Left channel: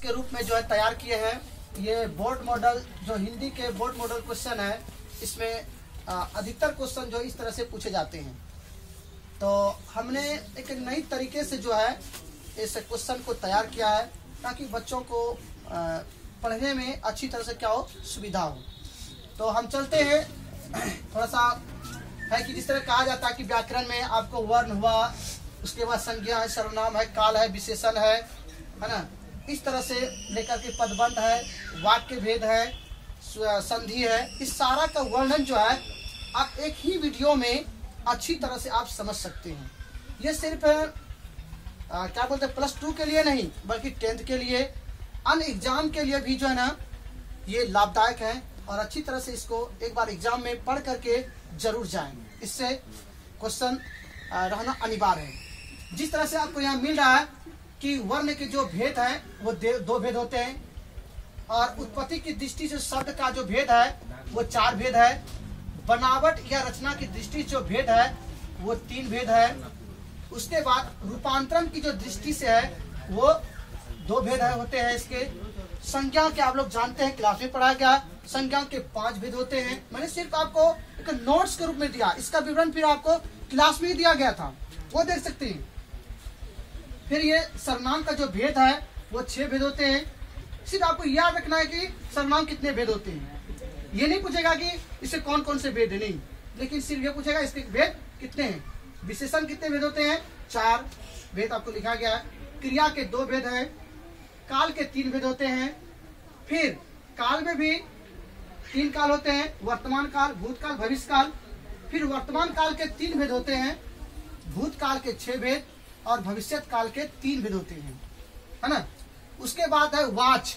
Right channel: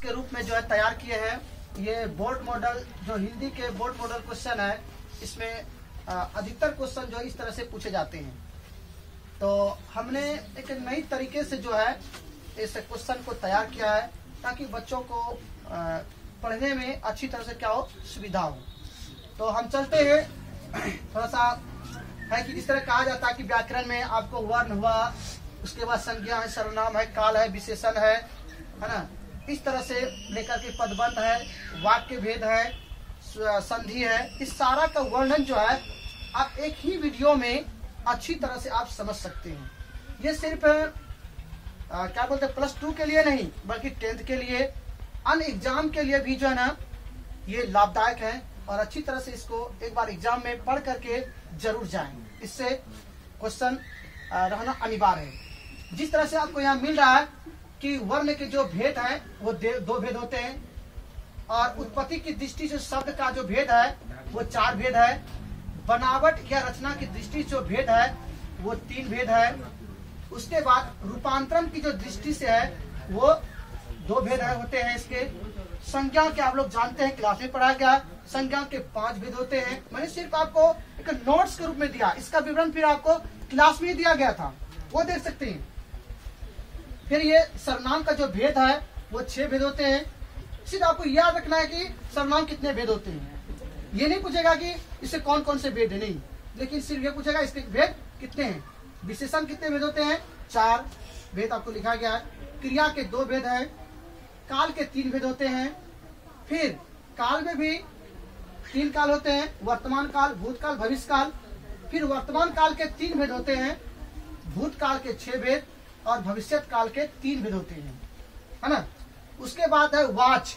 के रूप में जो है तैयार किए हैं। ये बोर्ड मॉडल जो हिंदी के बोर्ड मॉडल क्वेश्चन है, इसमें अधिकतर क्वेश्चन जो इस तरह से पूछे जाते हैं। तो हमने एक नई तरीके से जो है इस क्वेश्चन को तैयार किया है ताकि बच्चों को पढ़ने में अच्छी तरह से क्या हो, सुविधा हो। तो हम चलते हैं, थोड़ा सा है कि जिस तरह कहा जाता है कि व्याकरण में आपको वर्ण हुआ, उसके बाद संज्ञा है, सर्वनाम है, काल है, विशेषण है ना, इस तरह से लेकर के पदबंध है, वाक्य भेद है, संधि है, इस सारा का वर्णन जो है आप एक ही वीडियो में अच्छी तरह से आप समझ सकते हैं। ये सिर्फ क्या बोलते हैं +2 के लिए नहीं, बल्कि 10th के लिए, अन्य एग्जाम के लिए भी जो है ना ये लाभदायक है। और अच्छी तरह से इसको एक बार एग्जाम में पढ़ करके जरूर जाएं, इससे क्वेश्चन रहना अनिवार्य है। जिस तरह से आपको यहाँ मिल रहा है कि वर्ण के जो भेद है वो 2 भेद होते हैं, और उत्पत्ति की दृष्टि से शब्द का जो भेद है वो 4 भेद है, बनावट या रचना की दृष्टि से जो भेद है वो 3 भेद है, उसके बाद रूपांतरण की जो दृष्टि से है वो 2 भेद होते हैं। इसके संज्ञा के आप लोग जानते हैं, क्लास में पढ़ाया गया, संज्ञा के 5 भेद होते हैं। मैंने सिर्फ आपको एक नोट्स के रूप में दिया, इसका विवरण फिर आपको क्लास में ही दिया गया था, वो देख सकते हैं। फिर ये सर्वनाम का जो भेद है वो 6 भेद होते हैं। सिर्फ आपको याद रखना है कि सर्वनाम कितने भेद होते हैं। ये नहीं पूछेगा कि इसे कौन कौन से भेद है, नहीं, लेकिन सिर्फ ये पूछेगा इसके भेद कितने हैं। विशेषण कितने भेद होते हैं, 4 भेद आपको लिखा गया है। क्रिया के 2 भेद है, काल के 3 भेद होते हैं। फिर काल में भी 3 काल होते हैं, वर्तमान काल, भूतकाल, भविष्य काल। फिर वर्तमान काल के 3 भेद होते हैं, भूतकाल के 6 भेद और भविष्य काल के 3 भेद होते हैं, है ना। उसके बाद है वाच,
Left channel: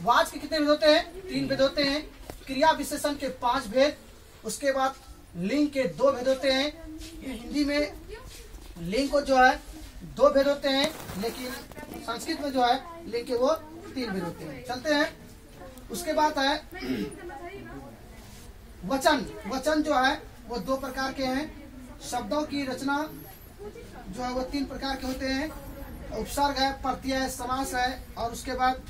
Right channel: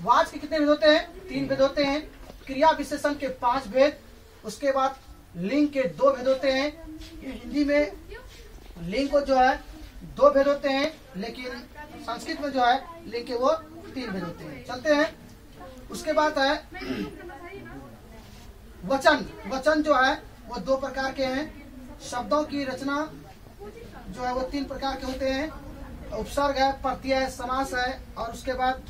वाच के कितने भेद होते हैं, 3 भेद होते हैं। क्रिया विशेषण के 5 भेद। उसके बाद लिंग के 2 भेद होते हैं। ये हिंदी में लिंग को जो है 2 भेद होते हैं, लेकिन संस्कृत में जो है लिंग के वो 3 भेद होते हैं। चलते हैं। उसके बाद है वचन, वचन जो है वो 2 प्रकार के हैं। शब्दों की रचना जो है वो 3 प्रकार के होते हैं, उपसर्ग है, प्रत्यय है, समास है, और उसके बाद